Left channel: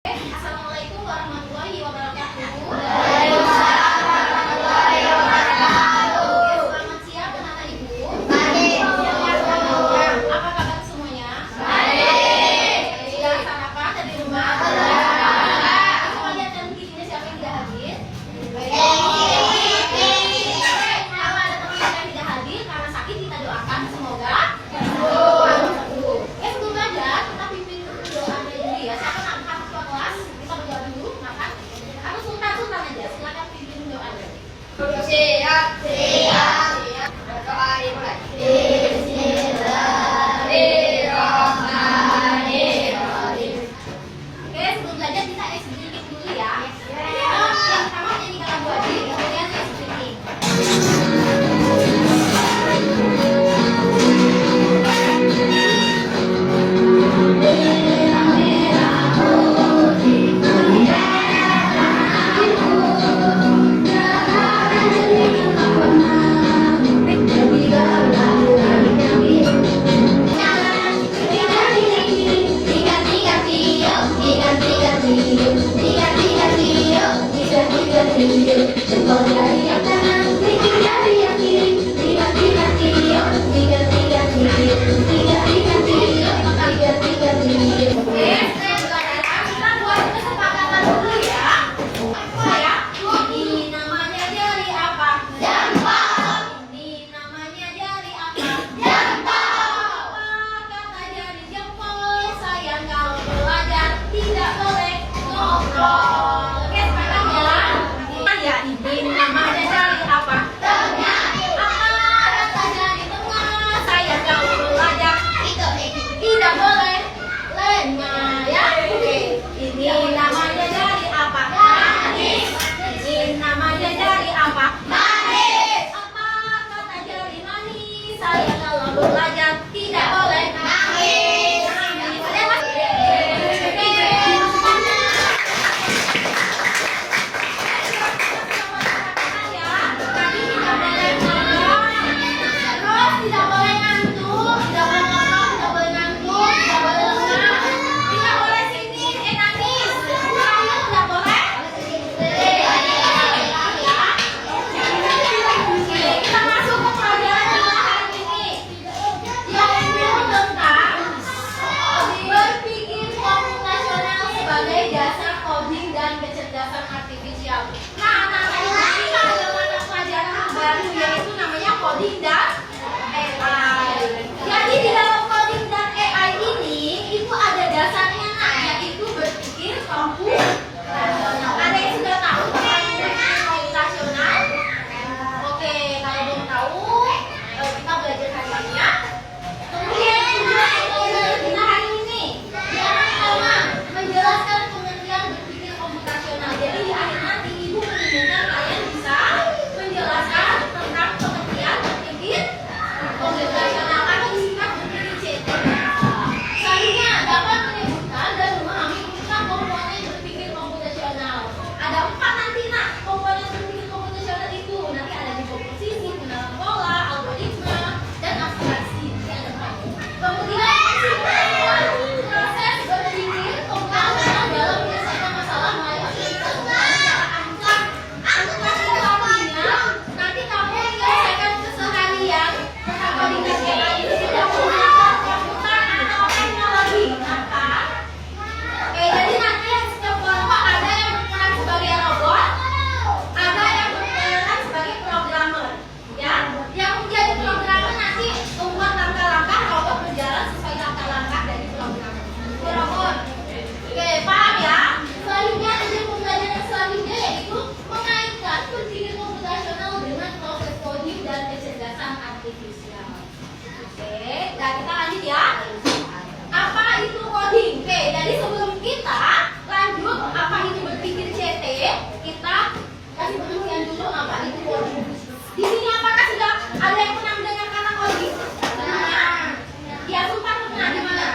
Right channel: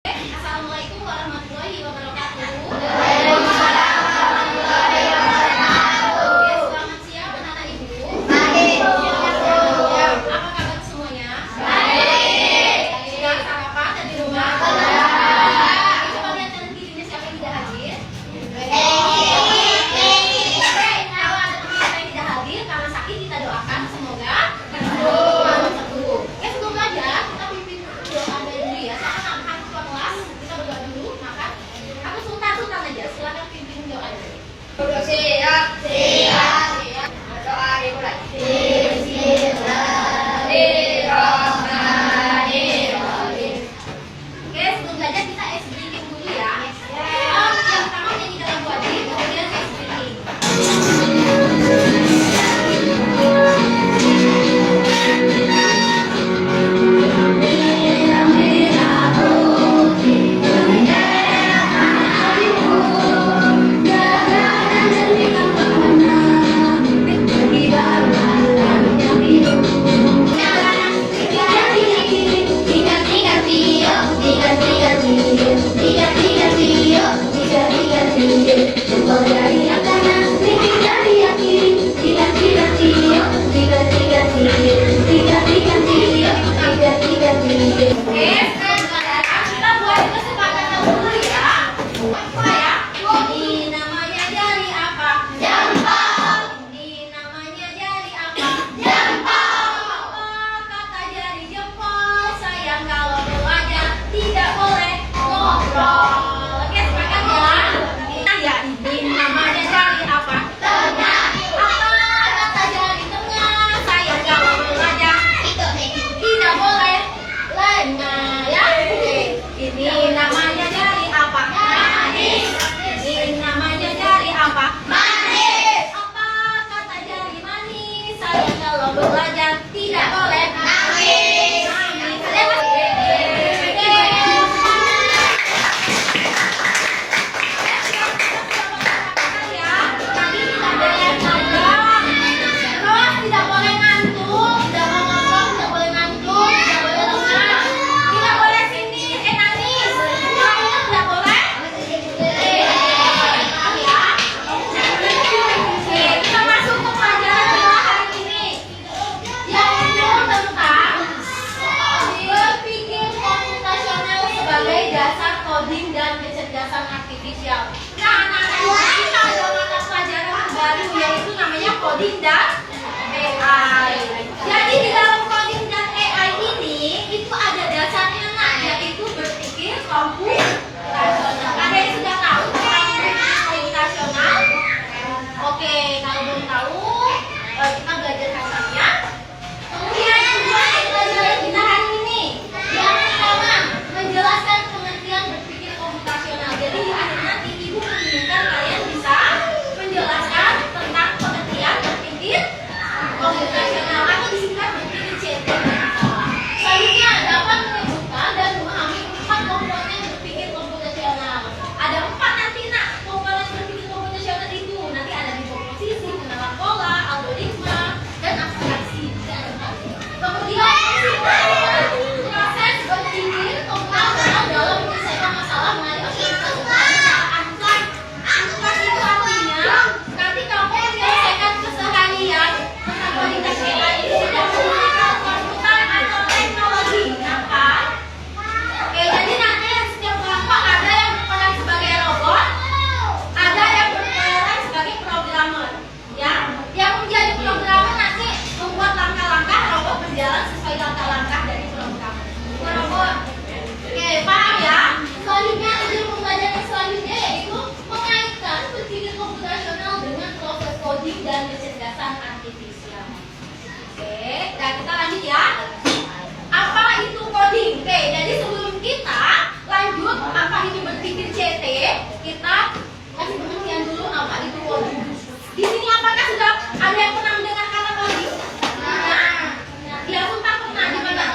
Assalamualaikum warahmatullahi wabarakatuh. Oke, selamat siang anak-anak ibu. Apa kabar semuanya? Sudah sarapan dari rumah? Coba lihat dan kirinya siapa yang tidak hadir. Kalau ada teman kita yang tidak hadir karena sakit, kita doakan semoga sembuh. Sebelum belajar kita pimpin doa dulu ya. Siapa nak ketua kelas? Kita berdoa dulu, makan. Atau sultan aja, silakan pimpin doa dulu. Siap. Doa dimulai. Oke, sebelum belajar kita ice breaking dulu ya. Yang pertama nyanyikan lagu aja, kemudian ice breaking. Ini namanya jari apa? Manis. Ini namanya jari apa? Manis. Apa kata jari manis? Saya kalau belajar tidak boleh nangis. Kalian masih? Tadi tidak boleh nangis. Terus tidak boleh ngantuk, tidak boleh ngomong, tidak boleh ngantuk, tidak boleh lengah, tidak boleh sini, nangis. Terakhir tidak boleh. Paham ya? Oke, kita masuk ke pelajaran kita hari ini, yaitu tentang berpikir komputasional sebagai dasar coding dan kecerdasan artifisial. Nah, anak-anak kita ada mata pelajaran baru yaitu namanya coding dan AI. Jadi di dalam coding dan AI ini itu ada dasarnya yaitu berpikir komputasional. Ada yang sudah tahu tentang berpikir komputasional? Oke, kalau belum tahu kita belajar hari ini ya. Kemudian tujuan pelajaran kita hari ini yang pertama menjelaskan pengertian berpikir komputasional. Jadi di akhir nanti ibu menginginkan kalian bisa menjelaskan tentang pengertian berpikir komputasional atau disingkat berpikir CT. Selanjutnya dapat menyebutkan dan memahami 4 komponen berpikir komputasional. Ada 4 nanti komponen berpikir komputasional itu nanti ada di komposisi, pengenalan pola, algoritma, dan abstraksi. Kemudian proses berpikir komputasional dalam menyelesaikan masalah mengenai aktivitas masalah unplugged. Unplugged itu artinya nanti kamu menyelesaikan keseharian tentang coding dan AI ini tidak menggunakan komputer atau teknologi. Kenapa? Oke, jadi nanti setiap kelompok ada yang berperan sebagai robot, ada yang berperan sebagai programmer. Ya, yang menjadi programmer nanti membuat langkah-langkah robot berjalan sesuai langkah-langkah dari programmer. Robot. Oke, paham ya? Selanjutnya tujuan pembelajaran selanjutnya yaitu mengaitkan berpikir komputasional dengan proses coding dan kecerdasan artifisial. Oke, dan kita lanjut ya. Apa itu coding? Oke, jadi sebelum kita lanjut apa itu berpikir CT, kita kasih pengertian dulu apa itu coding. Di sini apakah sudah ada yang pernah mendengar kata coding? Nah, dia Sultan pernah di mana?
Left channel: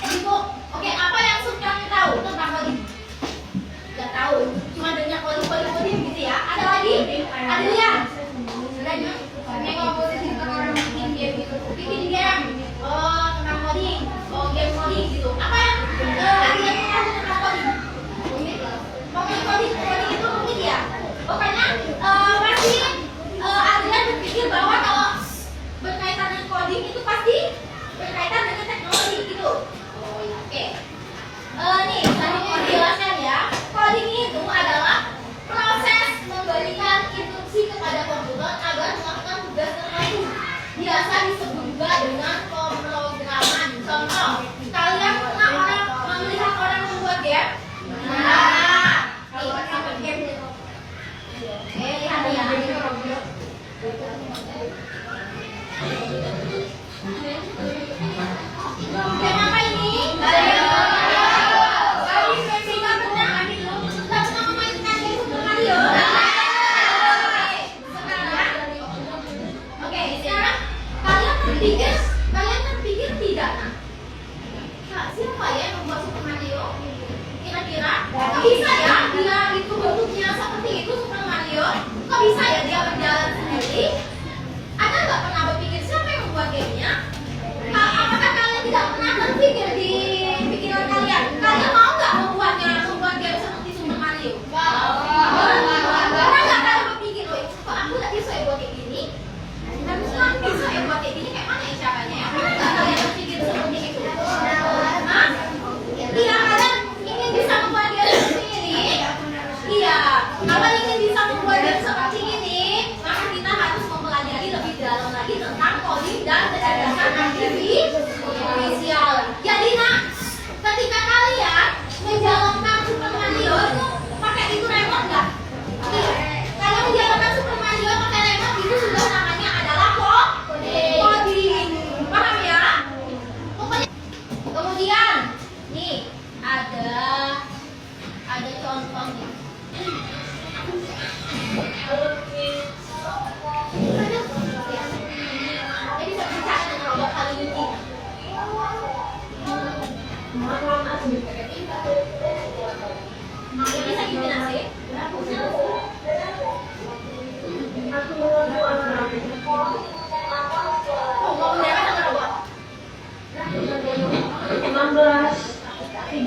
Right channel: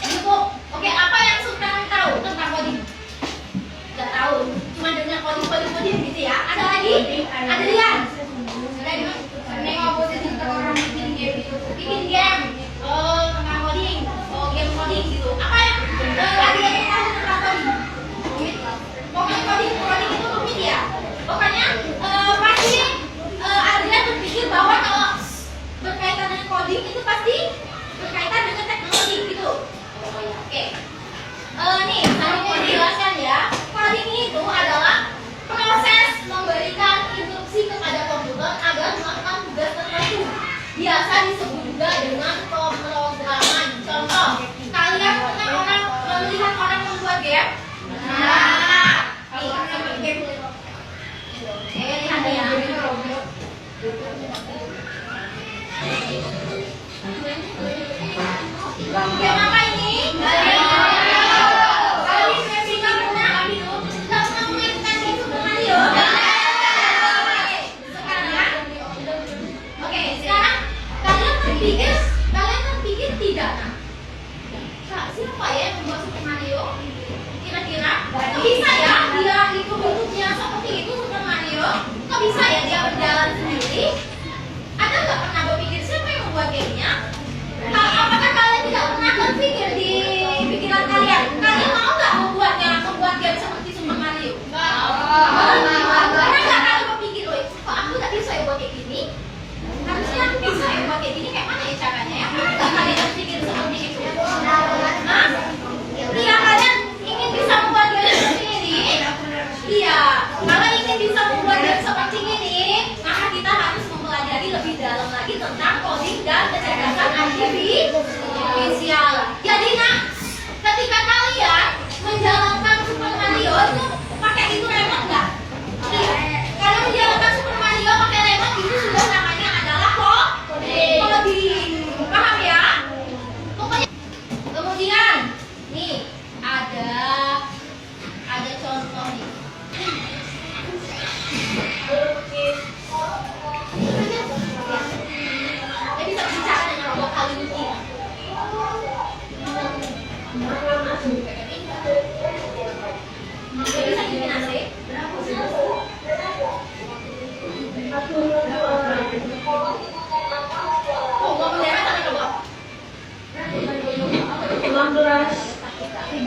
Ibu, oke, apa yang Sultan tahu tentang coding? Gak tahu, cuma dengar coding gitu ya. Ada lagi? Ada dia? Ada di mana? Nengok posisi orang bikin game gitu. Bikin game. Oh, tentang coding. Oh, game coding gitu. Apa yang biasa disebut juga dengan pemrograman. Contoh, kalian pernah melihat orang membuat game? Nah, nih, sampai game. Lihat ya. Game apa ini? Mario. Kalian pernah memainkan game Super Mario? Sekarang kalian pikir tidak? Nah, siapa ya yang membuat Super Mario? Kira-kira? Kok bisa ya dia itu bentuknya seperti itu Super Mario? Kok bisa ya dia berjalan sendiri? Ada nggak pernah berpikir siapa yang membuat gamenya? Apakah kalian tidak pernah berpikir di pikiran kalian? Kalian mau nggak membuat game seperti Super Mario? Pernah nggak kalian berpikir, kok aku nggak bisa ya buat kayak gini? Harusnya aku bisa ya buat kayak gini, kayak mana ya caranya ya? Pernah nggak kalian berpikir seperti itu? Hah? Iya, kalian ingin bisa membuat game seperti ini? Iya, kalau ingin bisa membuat game seperti ini, maka kita harus mempelajari lebih dalam lagi tentang coding dan kecerdasan artifisial. Jadi ketika kalian menjalankan Super Mario itu pakai itu remote nggak? Iya. Kalau menjalankan Super Mario pakai remote itu sudah namanya adalah coding. Paham ya? Pokoknya. Kemudian nih ada contoh nih. Jadi bisa bicara dengan robot Hello Kitty. Dia bisa bikin AC. Oh, mau bendera sama robot? 16.30.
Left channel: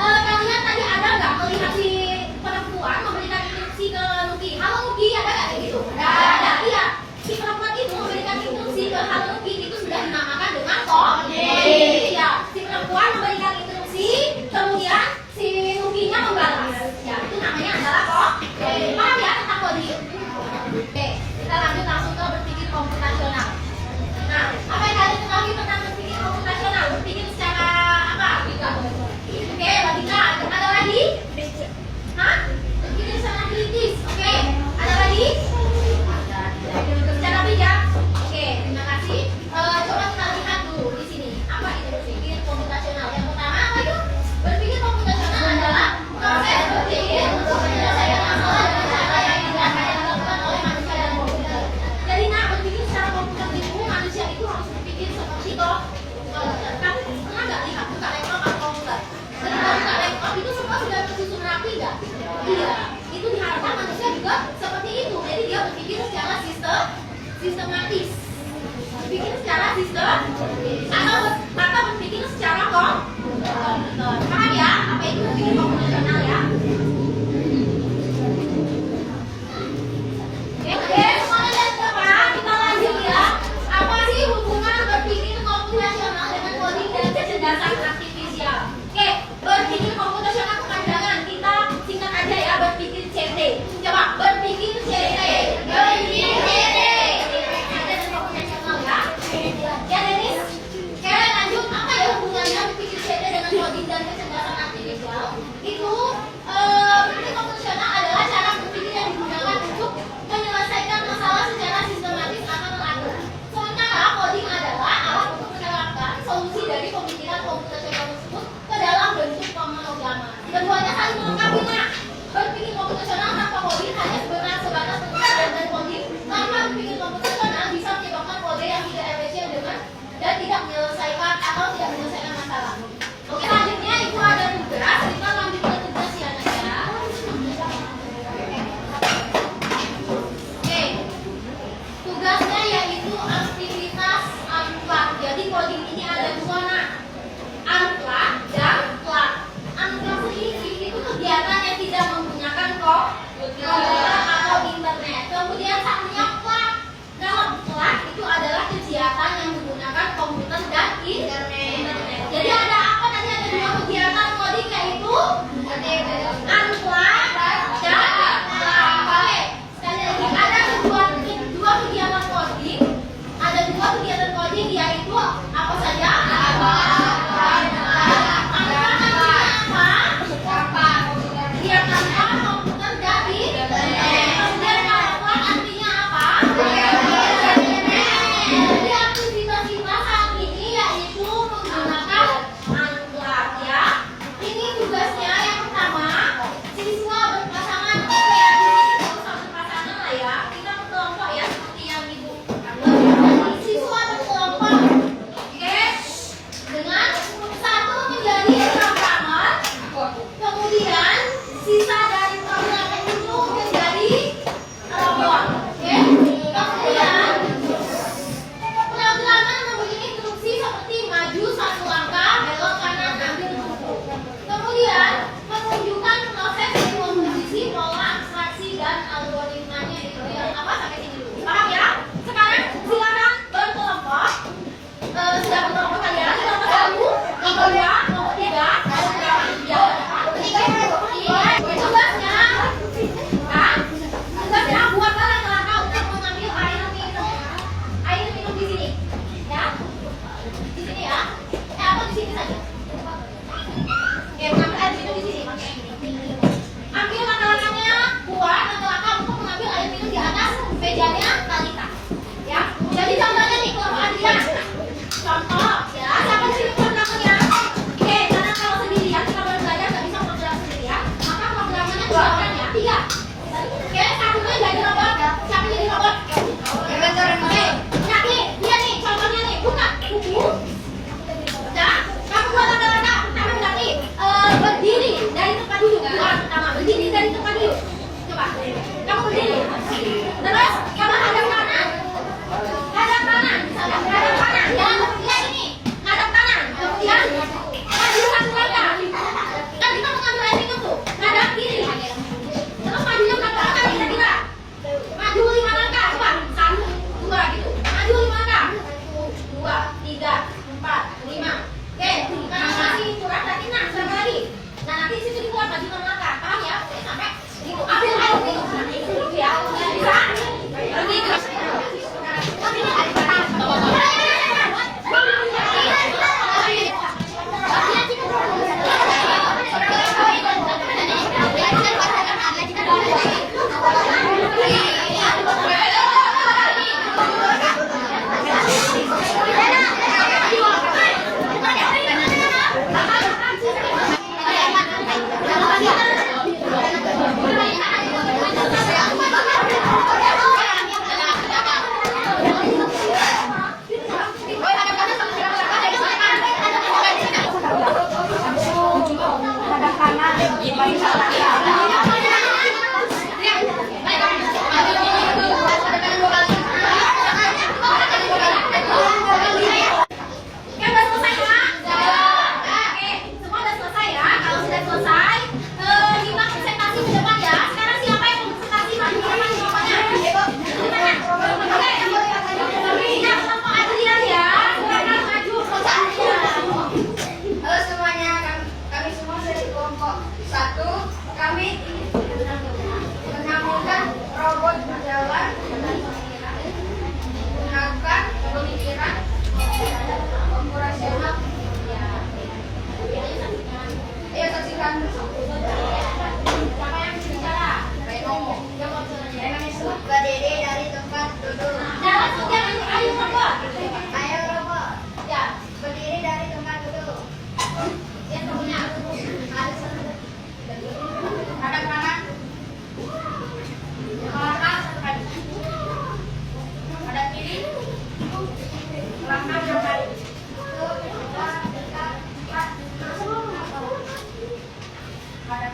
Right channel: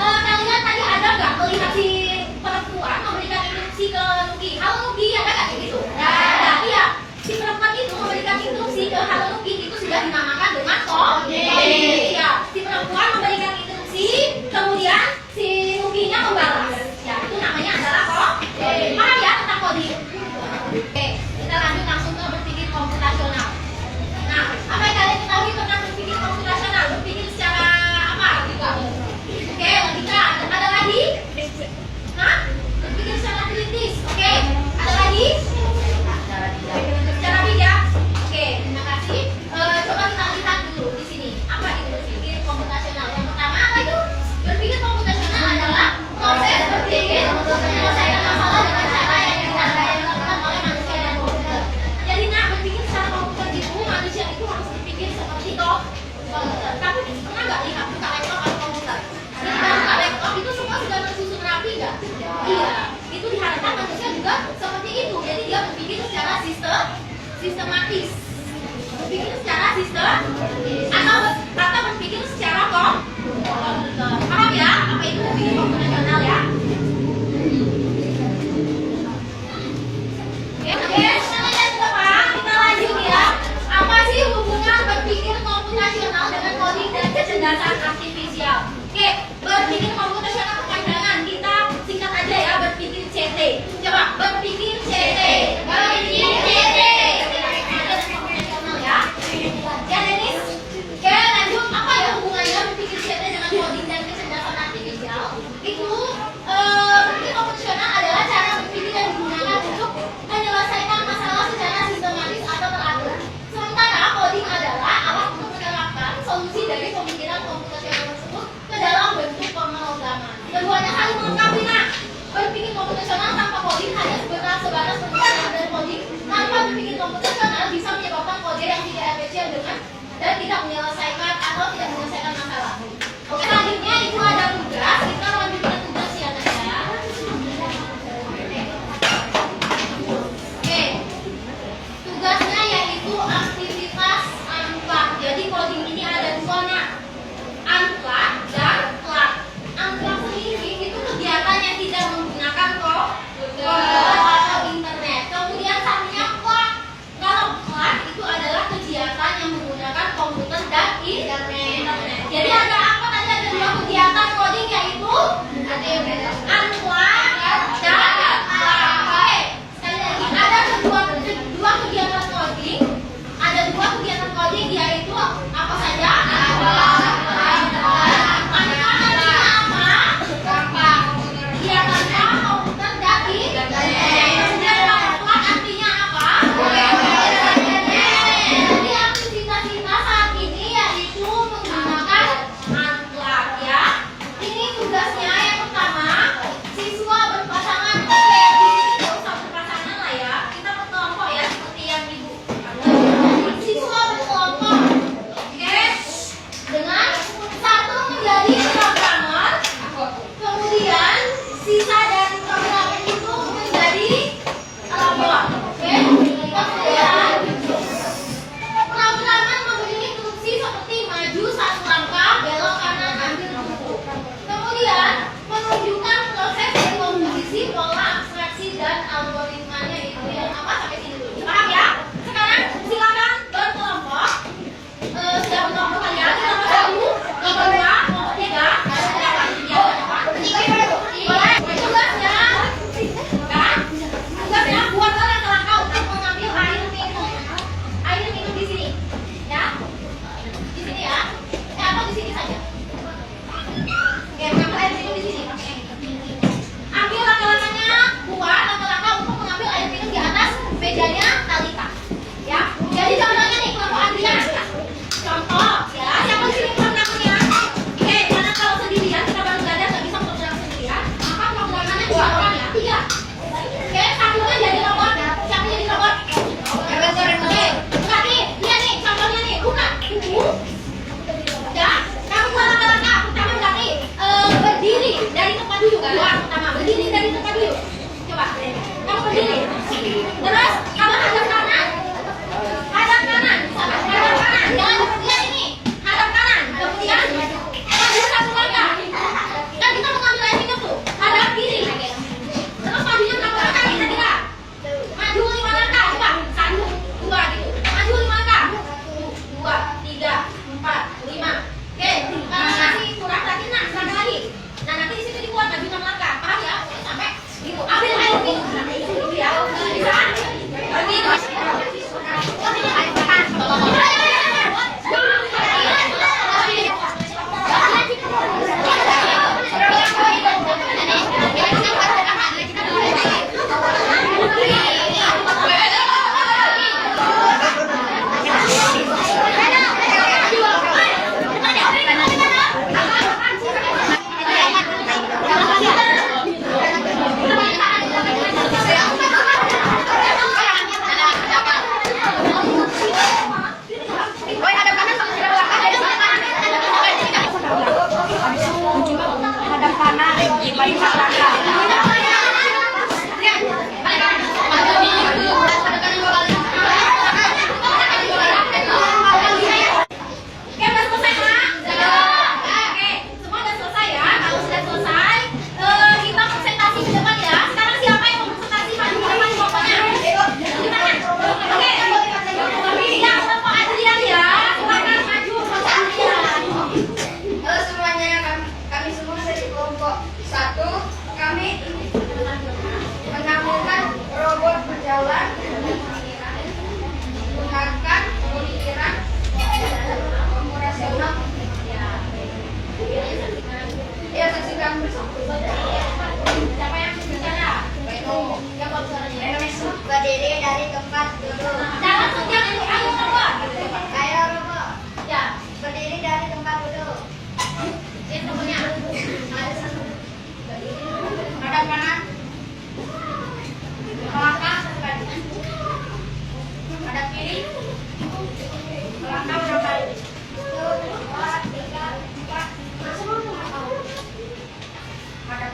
Kalian tadi ada nggak melihat si perempuan memberikan instruksi ke Nuki? Halo Nuki, ada nggak kayak gitu? Ada. Iya. Si perempuan itu memberikan instruksi ke Halo Nuki itu sudah dinamakan dengan coding. Iya. Si perempuan memberikan instruksi, kemudian si Nukinya membalas. Ya, itu namanya adalah coding. Paham ya tentang coding? Oke, kita lanjut langsung ke berpikir komputasional. Nah, apa yang kalian ketahui tentang berpikir komputasional? Berpikir secara apa? Oke, logika. Ada lagi? Hah? Berpikir secara kritis. Oke, ada lagi? Secara bijak. Oke, terima kasih. Coba kita lihat dulu di sini. Apa itu berpikir komputasional? Yang pertama apa itu? Berpikir komputasional adalah proses berpikir untuk menyelesaikan masalah dengan cara yang tidak dilakukan oleh manusia dan komputer. Jadi berpikir secara komputer itu manusia itu harus berpikir seperti komputer. Kamu pernah nggak lihat buka laptop atau komputer? Ketika buka laptop itu semua sudah tersusun rapi nggak? Iya. Itu diharapkan manusia juga seperti itu. Jadi dia berpikir secara sistematis. Berpikir secara atau berpikir secara komputer. Paham ya? Apa itu berpikir komputasional ya? Oke, semuanya dari depan kita lanjut ya. Apa sih hubungan berpikir komputasional dengan coding dan kecerdasan artifisial? Oke, berpikir komputasional kepanjangan kita singkat aja ya, berpikir CT. Coba berpikir CT. Berpikir CT. Komputasional ya. Ya Denis. Oke, lanjut. Apa ya hubungannya berpikir CT dengan coding dan kecerdasan artifisial? Itu berpikir komputasional adalah cara berpikir yang digunakan untuk menyelesaikan masalah secara sistematis atau teratur. Sementara coding adalah alat untuk menerapkan solusi dari pemikiran komputasional tersebut ke dalam bentuk pemrograman. Keduanya saling melengkapi. Berpikir komputasional tanpa coding hanya sebatas pengetahuan dan coding tanpa berpikir komputasional bisa menyebabkan kode yang tidak efisien dan tidak menyelesaikan masalah. Oke, selanjutnya itu ada tugas. Kita lanjut ke tugas ya Naya. Oke, tugasnya yaitu aktivitas unplug. Jadi coding ini ada dua unplug dan plug. Unplug sendiri itu kegiatan yang tidak menggunakan komputer atau internet. Kemudian satunya plug. Kalau plug itu adalah kegiatan yang menggunakan komputer dan internet. kanan, barisan belakang. Oke, udah selesai, Mak? Oke, semua udah selesai ya. Kalau sudah selesai, kita presentasi ke depan ya. Sekarang siapa yang mau presentasi maju ke depan pokoknya? Gimana? Oke. Ya, kelompok Adrian ya. Silakan maju kelompok Adrian. Halo semuanya, kami semua dari kelompok 1. Kami ingin menampilkan robot berjalan menggunakan pemikiran komputasional. Ya, saksikan bersama. Siapa yang bicara? Reno. Yang mau suaranya? Reno Mesut berdiri dari tempat duduk. Nah, langsung jangan ayo robot. Ayo robot, Ya, berdiri dari tempat duduk. yang temennya. Hadap kanan. Melangkah satu kali. Hadap kiri. Melangkah dua kali. 1, 2, 3, 4. Hadap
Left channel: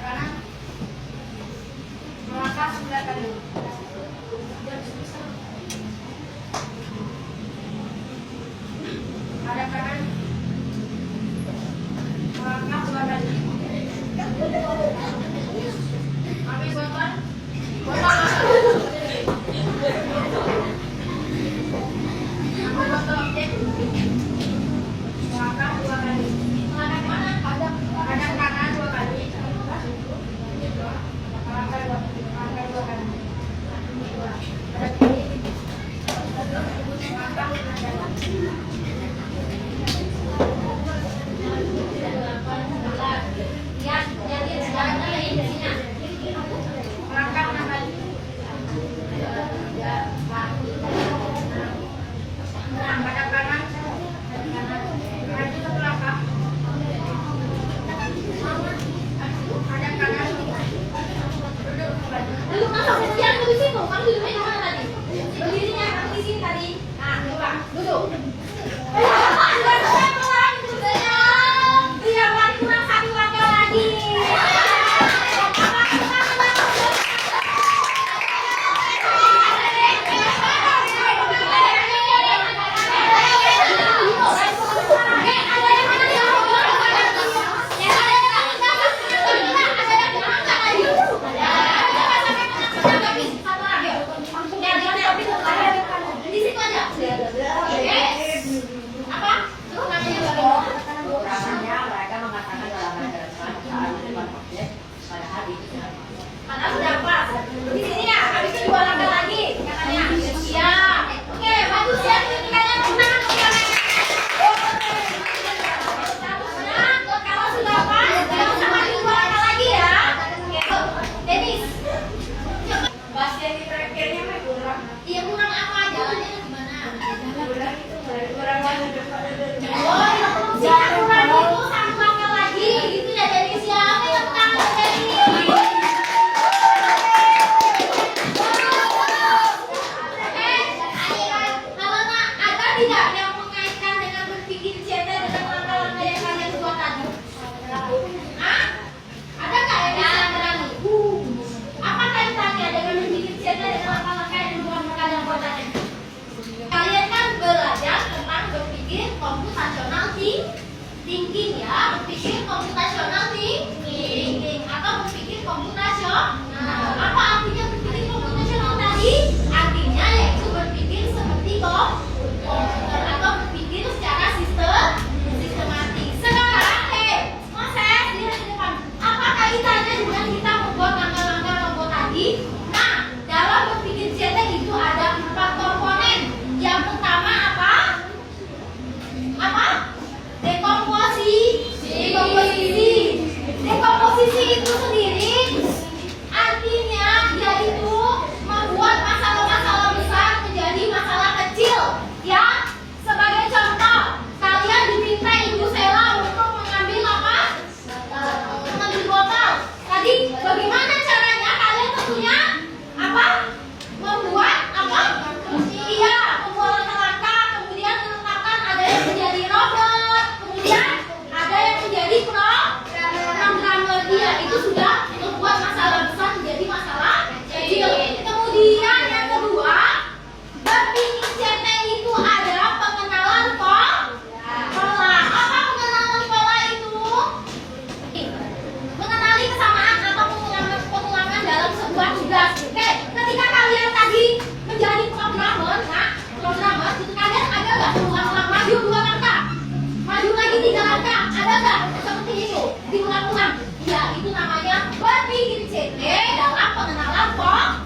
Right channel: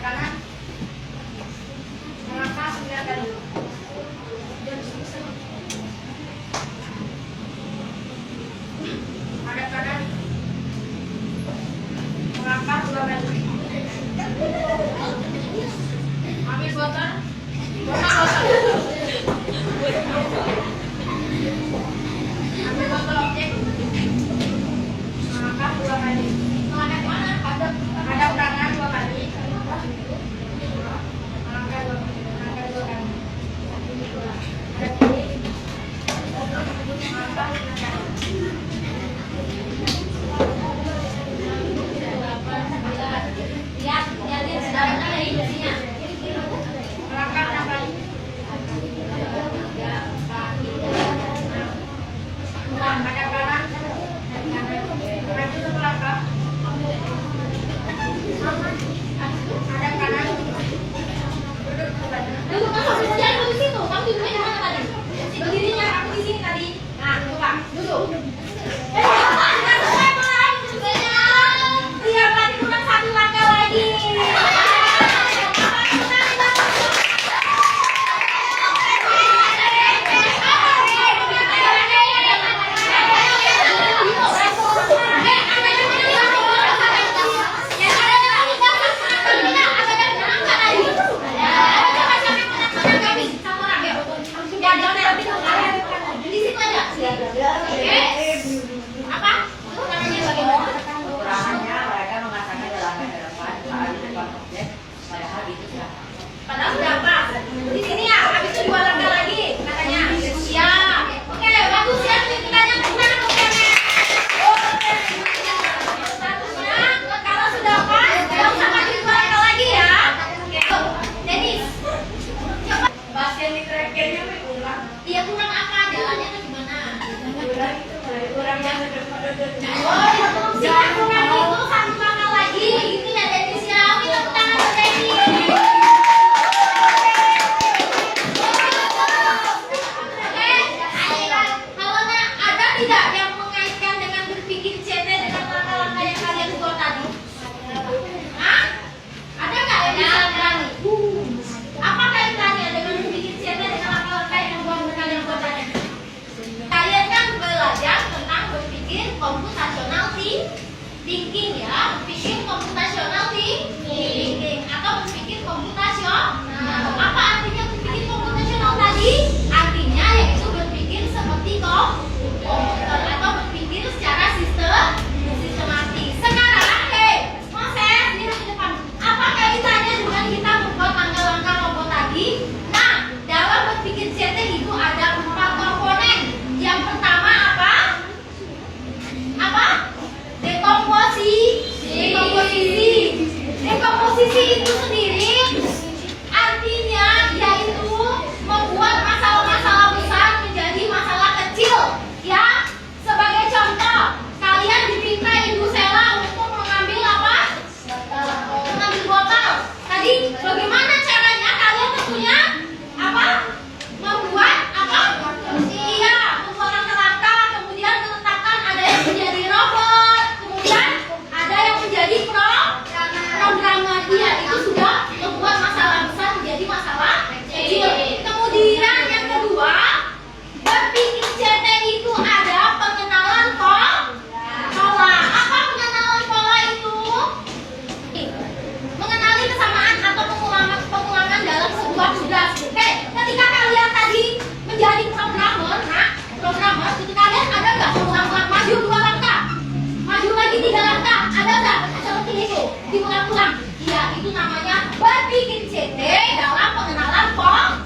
diulang-ulang. Ya, itu namanya berpikir CT dalam pengenalan pola.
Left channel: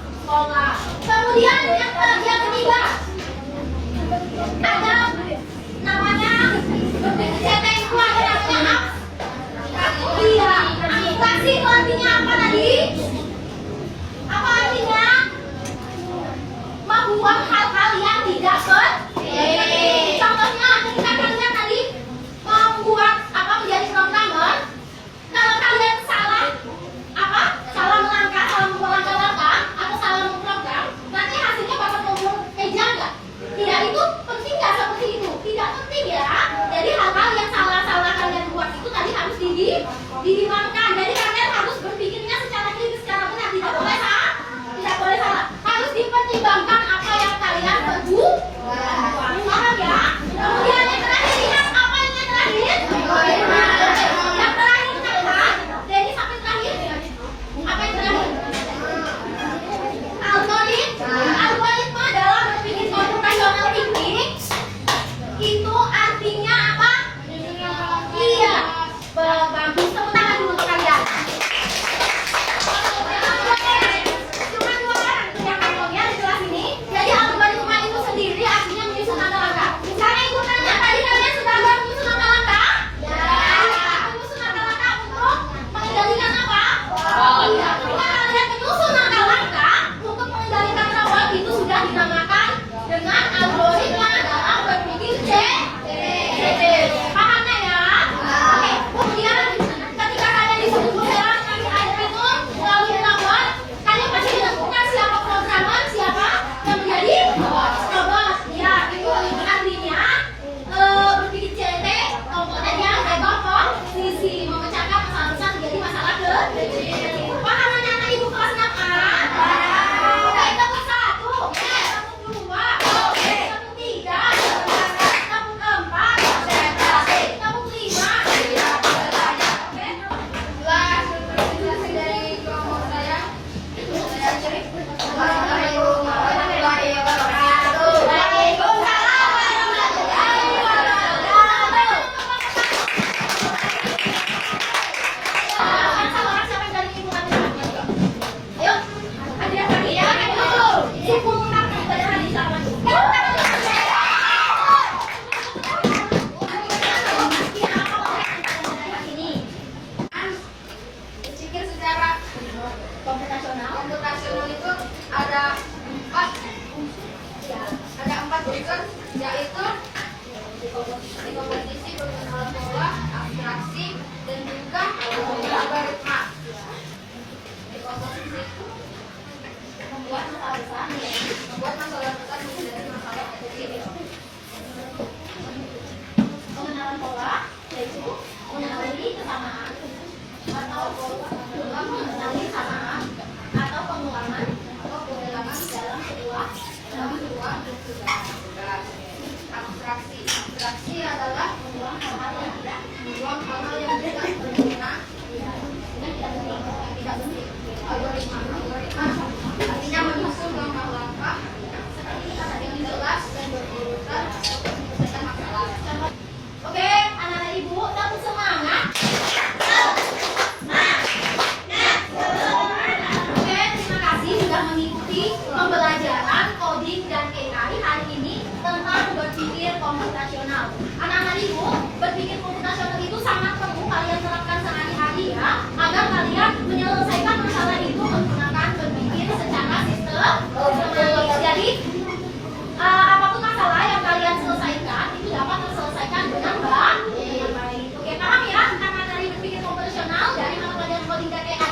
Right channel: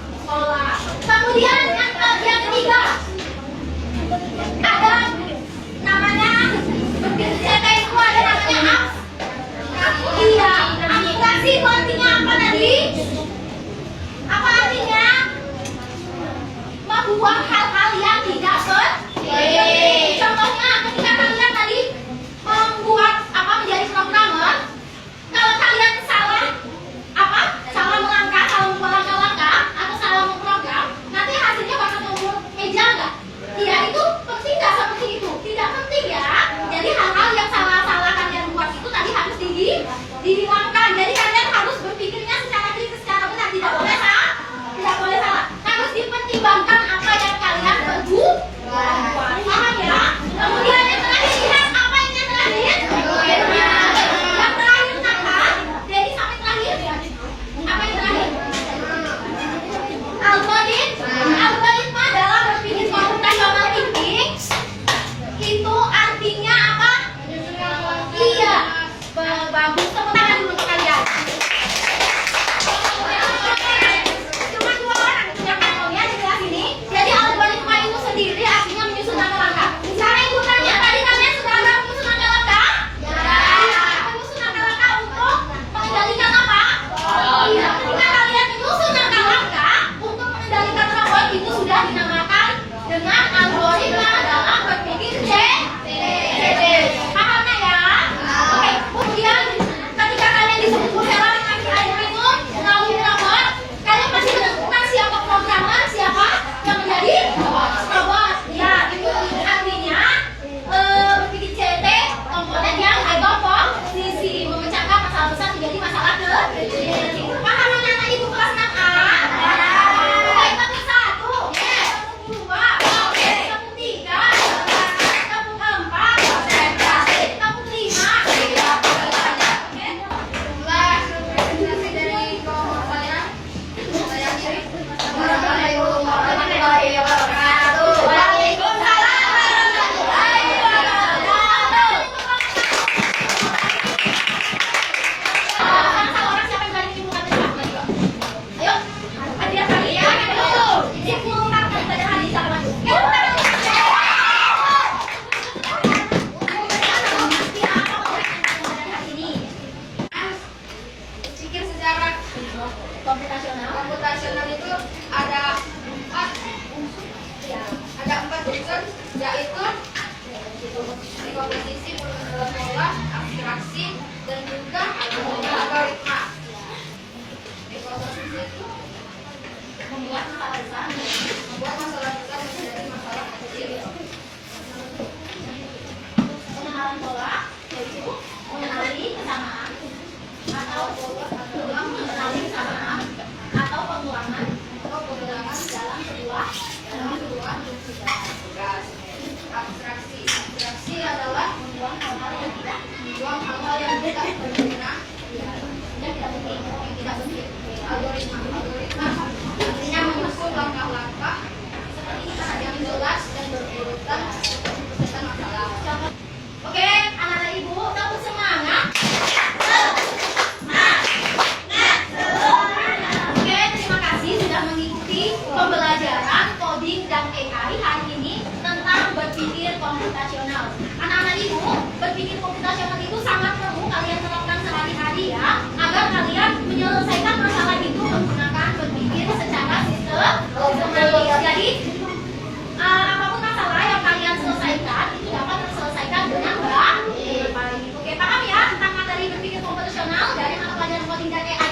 Kemudian yang ketiga ada namanya berpikir CT itu ada namanya iya, abstraksi itu artinya apa tadi? Apa artinya? Membuang hal-hal yang tidak penting. Contohnya ketika kalian tadi membuat menjadi programmer, kalau kalian salah melangkah, salah membuat langkah-langkah atau salah memprogram, nanti hasilnya bakal keluar eja nggak? Tidak, itu penting nggak seperti itu? Tidak penting ya. Jadi hal-hal yang salah kalian buat itu tadi harus dihilangkan. Jadi kalian harus berpikirnya secara kritis, secara benar, tidak boleh salah. Harus dipertimbangkan apa yang kalian berbuat. Paham ya? Kemudian yang terakhir, lihat apa yang terakhir? Yang terakhir catat. Jadi sampai terakhir. Apa yang terakhir? Algoritma dalam berpikir computational thinking itu artinya apa? Iya, bagus. Tepuk tangan dulu untuk kalian. Cuma 2 orang yang kalian di kelas ini. Jadi algoritma itu sendiri artinya menyusun langkah-langkah. Misalnya ibu tanya, tadi kalian sudah ada menyusun langkah-langkah? Ya. Menyusun langkah-langkah untuk mengendalikan apa? Iya. Ketika kalian menyusun langkah-langkah untuk mengendalikan robot, itu sudah dinamakan dengan algoritma dalam berpikir CT. Paham nggak ya? Oke. Kemudian ketika kalian disebut Bu Hera mengambil air minum melalui robot, kalian pasti menemukan siapa programmer, siapa yang menjadi robot. Ya, itu artinya berpikir CT komponen yang posisi memecahkan masalah besar menjadi masalah kecil. Paham anak-anak ibu kelas 6A? Oke, tepuk 1, tepuk 2, tepuk 3, tepuk 4, tepuk 5. Oke. Kelas presentasi dari kelompok saya akhiri. Assalamualaikum warahmatullahi wabarakatuh. Waalaikumsalam warahmatullahi wabarakatuh. Salah siapa yang berani ibu kata? Ayo, hadiah kali ya. Simultan ibadah hadis sama maju. Pikir secara Komputasional itu ada 4 unsur, yaitu dekomposisi, pengenalan pola, abstraksi, dan juga algoritma. Dekomposisi itu membuat masalah besar menjadi masalah kecil. pengenalan pola, yaitu mengenali kesamaan atau mengenali kesamaan atau pengulangan dalam sebuah tugas. Abstraksi adalah membuang hal-hal yang tidak hal-hal yang tidak berguna, yang tidak penting. algoritma artinya menyusun langkah-langkah yang jelas dan berurutan untuk menyelesaikan masalah. Oke, anak-anak ibu, tetap semangat. Oke, terima kasih sudah mengikuti pembelajaran coding dan AI hari ini tentang berpikir komputasional. Anak-anak ibu, berpikir komputasional itu sangat perlu kalian terapkan sehari-hari ya, agar kalian menyelesaikan masalah itu menggunakan berpikir secara sistematis. Jadi, apapun masalah yang kalian selesaikan itu dapat terselesaikan dengan baik. Oke, paham ya tentang materi berpikir komputasional dari mata pelajaran coding dan AI